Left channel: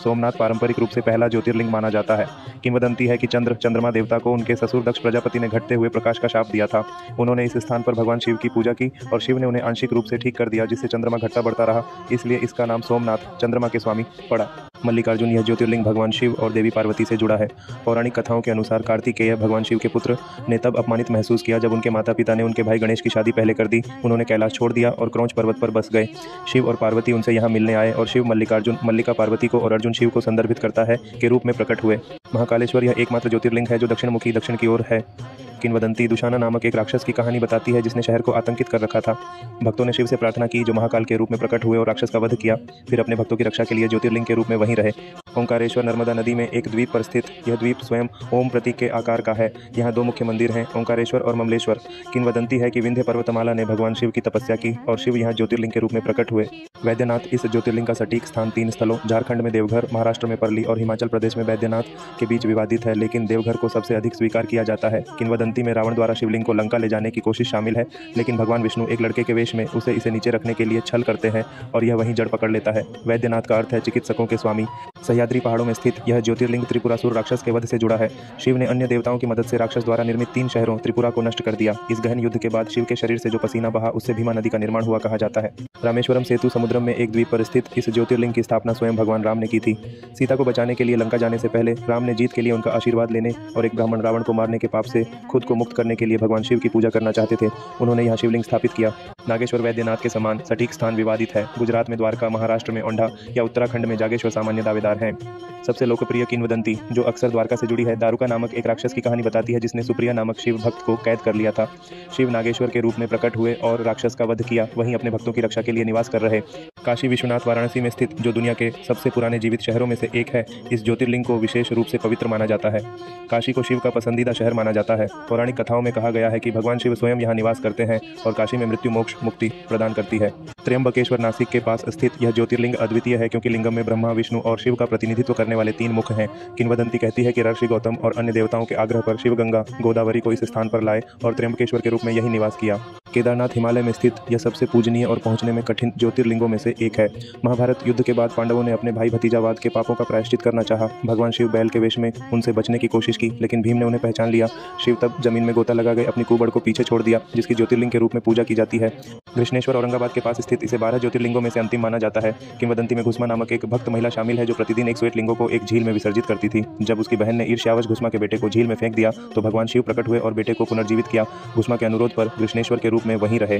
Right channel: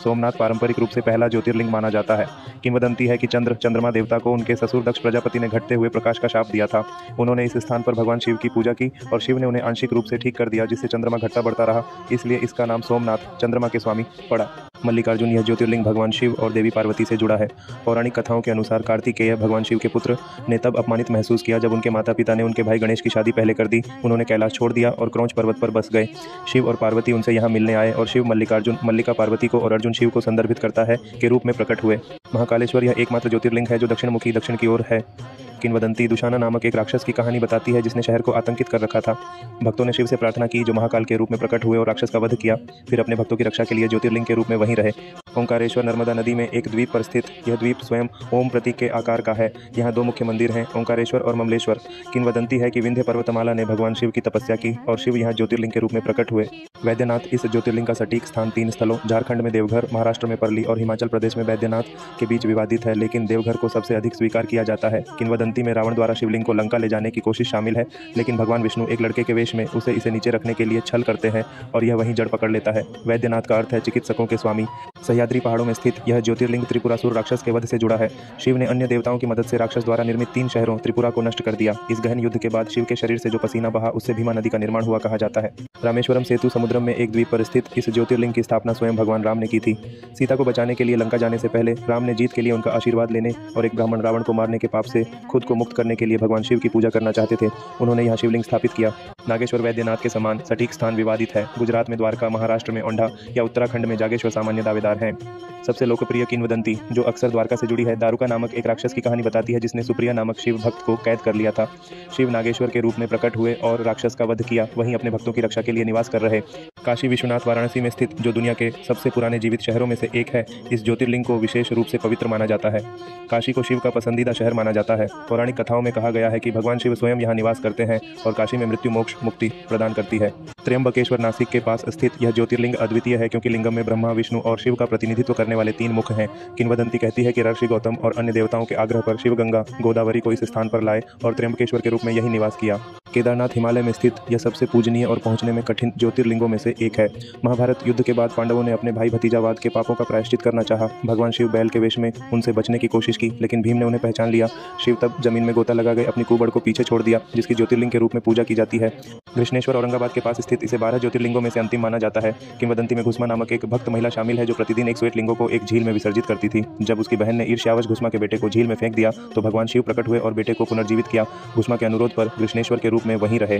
सोमनाथ पारंपरिक रूप से पहला ज्योतिर्लिंग माना जाता है। किंवदंती है कि चंद्रमा देवता को उनके ससुर दक्ष प्रजापति ने घटते हुए प्रकाश का शाप दिया था। उन्होंने इस स्थान पर भगवान शिव की पूजा की और शिव ने उन्हें आंशिक रूप से ठीक कर दिया, जिससे चंद्रमा घटता बढ़ता रहा। इसलिए इसका नाम सोमनाथ, चंद्रमा के स्वामी, पड़ा। मल्लिकार्जुन यह ज्योतिर्लिंग भगवान शिव और देवी पार्वती से जुड़ा है। पौराणिक कथाओं के अनुसार कार्तिकेय भगवान शिव के पुत्र ने तब अपमानित महसूस किया जब उनके माता पिता ने उनके भाई गणेश की शादी पहले कर दी। उन्होंने कैलाश छोड़ दिया और क्रौंच पर्वत पर बस गए। शिव और पार्वती उनसे यहाँ मिलने आए और शिव मल्लिका पार्वती को और अर्जुन शिव को संदर्भित करता है के रूप में प्रकट हुए। महाकालेश्वर यह एकमात्र ज्योतिर्लिंग है जो दक्षिणमुखी दक्षिण की ओर है। किंवदंती दुशाना नामक एक राक्षस की कहानी बताती है जिसने शहर को आतंकित कर रखा था। भक्तों ने शिव से प्रार्थना की जो महाकाल के रूप में प्रकट हुए और राक्षस का वध किया। फिर अपने भक्तों की रक्षा के लिए ज्योतिर्लिंग के रूप में वहीं रहे। ओंकारेश्वर नर्मदा नदी में एक द्वीप पर स्थित यह द्वीप स्वयं ओम प्रतीक के आकार का है। यहाँ दो मुख्य मंदिर हैं, ओंकारेश्वर और ममलेश्वर। किंवदंती है कि विंध्य पर्वतमाला ने भगवान शिव की तपस्या की और शिव यहाँ ज्योतिर्लिंग के रूप में प्रकट हुए। वैद्यनाथ इस ज्योतिर्लिंग का सटीक स्थान 3 स्थलों झारखंड में देवघर, महाराष्ट्र में परली और हिमाचल प्रदेश में बैद्यनाथ के बीच विवादित है, लेकिन देवघर को सबसे अधिक स्वीकार किया जाता है। किंवदंती में रावण द्वारा शिवलिंग को लंका ले जाने की कोशिश शामिल है, लेकिन भगवान विष्णु एक लड़के के वेश में इसे नीचे रखने के लिए छल करते हैं और यह वहीं जड़ पकड़ लेता है। वैद्यनाथ का अर्थ है चिकित्सकों के स्वामी। सह्याद्री पहाड़ों में स्थित यह ज्योतिर्लिंग त्रिपुरासुर राक्षस के वध से जुड़ा है। शिव ने अन्य देवताओं की मदद से राक्षस द्वारा निर्मित 3 शहरों त्रिपुरा को नष्ट कर दिया। इस गहन युद्ध के बाद शिव के शरीर से जो पसीना बहा उससे भीमा नदी का निर्माण हुआ कहा जाता है। रामेश्वरम सेतु समुद्र में एक द्वीप पर स्थित इस ज्योतिर्लिंग की स्थापना स्वयं भगवान राम ने की थी। सीता को बचाने के लिए लंका जाने से पहले राम ने जीत के लिए उनका आशीर्वाद लेने और एक ब्राह्मण रावण को मारने के पाप से खुद को मुक्त करने के लिए भगवान शिव की पूजा करना चाहते थे। उन्होंने यहाँ शिवलिंग स्थापित किया। नागेश्वर वैद्यनाथ के समान सटीक स्थान विवादित है। गुजरात में द्वारका, महाराष्ट्र में ओंढा या उत्तराखंड में जागेश्वर सामान्य दावेदार है। सबसे लोकप्रिय किंवदंती जो अक्सर द्वारका से जुड़ी है, दारुका नामक एक राक्षस की कहानी बताती है जिसने सुप्रिया नामक शिव भक्त को कैद कर लिया था। शिव नागेश्वर के रूप में प्रकट हुए और राक्षस का वध किया, वहीं अपने भक्तों की रक्षा के लिए निवास कर रहे। काशी विश्वनाथ वाराणसी में स्थित जो दुनिया के सबसे पुराने जीवित शहरों में से एक है, इस ज्योतिर्लिंग को विशेष रूप से पवित्र माना जाता है। काशी को शिव का पसंदीदा शहर माना जाता है। पौराणिक कथाओं में कहा गया है कि भगवान शिव स्वयं यहाँ निवास करते हैं और काशी में मृत्यु मोक्ष मुक्ति प्रदान करती है। त्र्यंबकेश्वर नासिक के पास स्थित यह ज्योतिर्लिंग अद्वितीय है क्योंकि लिंगम में ब्रह्मा, विष्णु और शिव का प्रतिनिधित्व करने वाले 3 मुख हैं। किंवदंती कहती है कि ऋषि गौतम और अन्य देवताओं के आग्रह पर शिव गंगा गोदावरी को इस स्थान पर लाए और त्र्यंबकेश्वर के रूप में यही निवास किया। केदारनाथ हिमालय में स्थित यह सबसे पूजनीय और पहुंचने में कठिन ज्योतिर्लिंगों में से एक है। महाभारत युद्ध के बाद पांडवों ने अपने भाई भतीजावाद के पापों का प्रायश्चित करना चाहा। भगवान शिव बैल के वेश में उनसे बचने की कोशिश की, लेकिन भीम ने उन्हें पहचान लिया। शिव तब जमीन में गोता लगा गए अपनी कुबड़ को पीछे छोड़ दिया, जिसकी ज्योतिर्लिंग के रूप में पूजा की जाती है। कृष्णेश्वर औरंगाबाद के पास स्थित इसे 12 ज्योतिर्लिंगों में से अंतिम माना जाता है। किंवदंती में घुस्मा नामक एक भक्त महिला शामिल है जो प्रतिदिन 108 लिंगों को एक झील में विसर्जित करती थी। जब उसकी बहन ने ईर्ष्यावश घुस्मा के बेटे को झील में फेंक दिया तो भगवान शिव प्रकट हुए और बेटे को पुनर्जीवित किया। घुस्मा के अनुरोध पर कृष्णेश्वर के रूप में वहीं रहे।